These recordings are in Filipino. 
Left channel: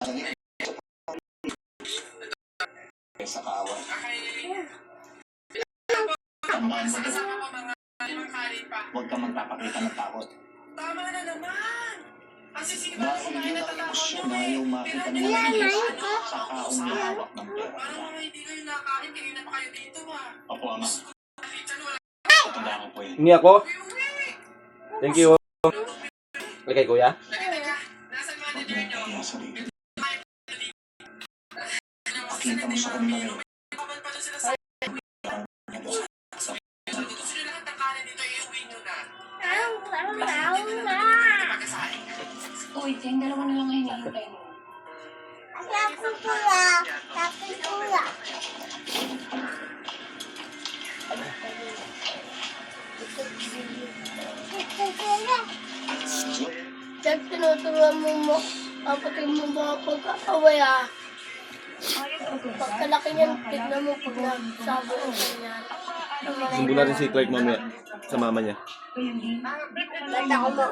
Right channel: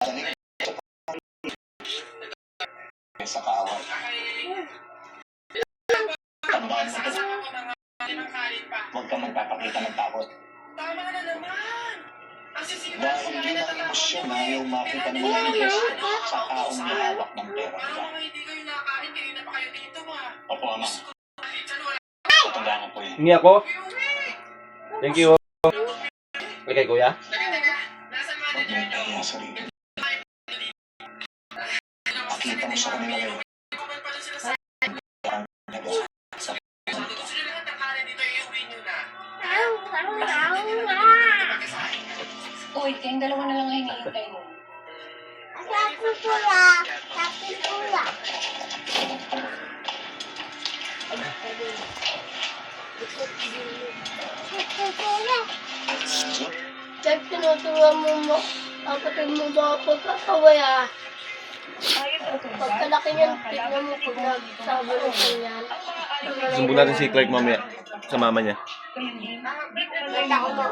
Sa kawan. Tandaan mo ito. Huwag ka magpapakita ng takot. Tama na naman! Ang sisigaw ko Dahil bakit yung natatakot emosyon na ayaw makita ng mga Diyos sa taong may hawak ng pera Parang nila. mga hindi kayo nakain, kanina pa kayo dito ba? Opo, Ama. Tandaan mo po yun. Hingi ako. Thank you. Okay, kuya. Teka, nasan Huwag manager mo nyo? ipahiya sarili. Pakita mo sa kanila ngayon. Kapag pala sila sa gusto nyo lahat ng kanin dito, iuwi nyo na. Uy, kayong dalawa na lang ang hinihintay mo. Dahil tinutuwa mo kapatid mo ba pagkakaway ah. Pagkalaki niyan, tignan mo pag nagsabi ko yan. Sumbong natin si Clark mamaya sa mama niya. Ganda ko mo.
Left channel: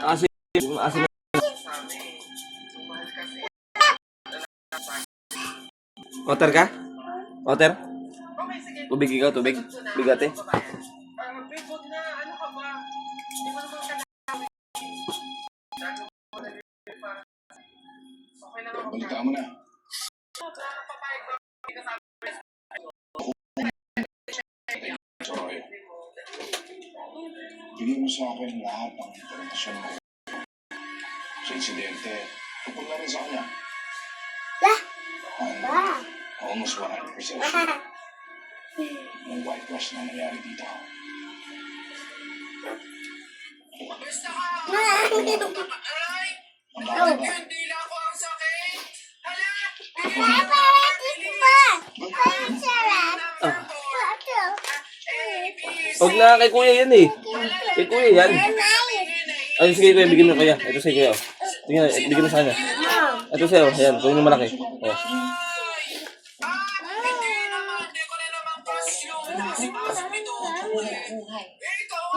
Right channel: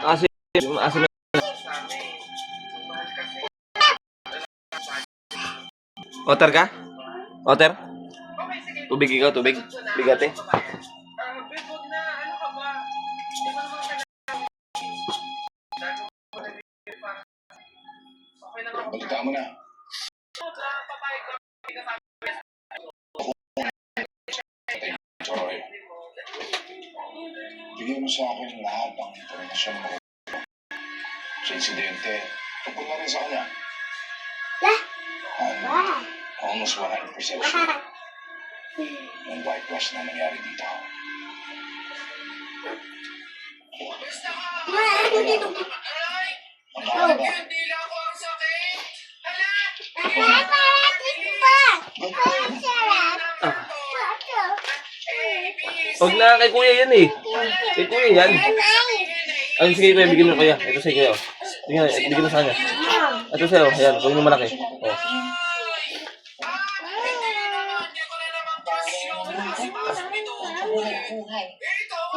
Asin. Otter ka? Otter? Tubig ikaw, tubig. Bigate. Bigod na, ano ka ba? Hindi mo naman okay lang ako. Balita mo na. Papayag ko. Troy. Bigyan mo sa akin lahat ng impormasyon mo sa insidente. Tungkol na rin sa kanya. Almost 100% sure. Yung whitewash na nangyari dito. Basta ka! Aray! Ang dami ba? Hindi lang ako ang sakit! Hala! Huwag na, kay kuya yan eh. Kay kuya yan. Ay, sige kuya, bigyan mo kaya. Ito sa kuya. Tingnan, bigyan mo sa kanya. Ito sa'yo, ayan, kung mo malaki. Oh.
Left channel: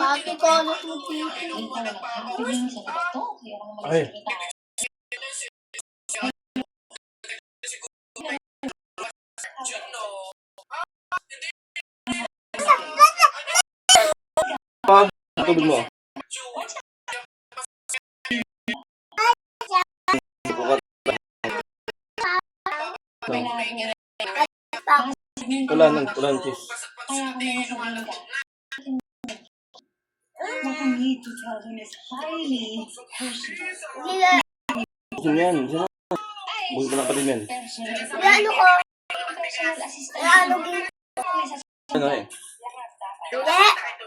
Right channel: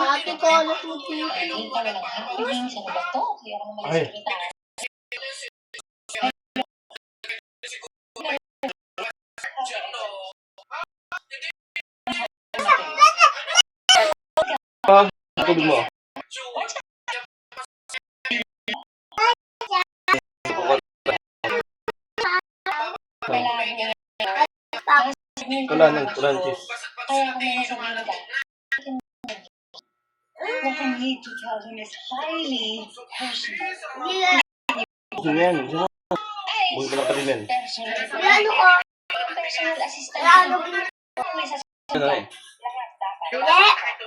Ate ko, anak mo dito. Ay. Pa, tubig mo. Kulan cheese. Kaya ako na nasa ka. What I need to tell him is highly personal. Gusto niya yan. Buhay ko lang pa rin yan. Ano ko? Personal assistant. Ano ko? Ano eh? Hindi.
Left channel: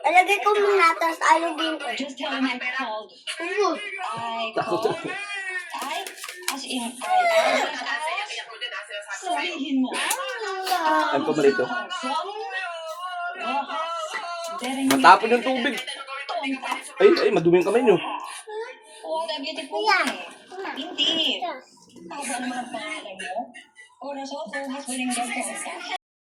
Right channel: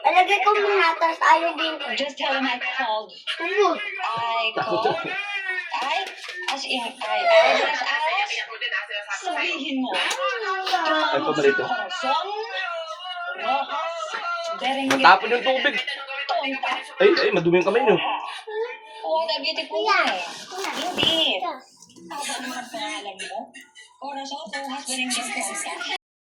Alagay ko muna, tapos alagin ko. Just tell him I called. I Takot called. siya. As in, sabihin mo. Ano pa malito? Matapon yung tubig. Ay, madumi yung kamay nyo. Oh, the beautiful eh. Hindi. Tama naman ang pangalan mo. Corazon, who has been in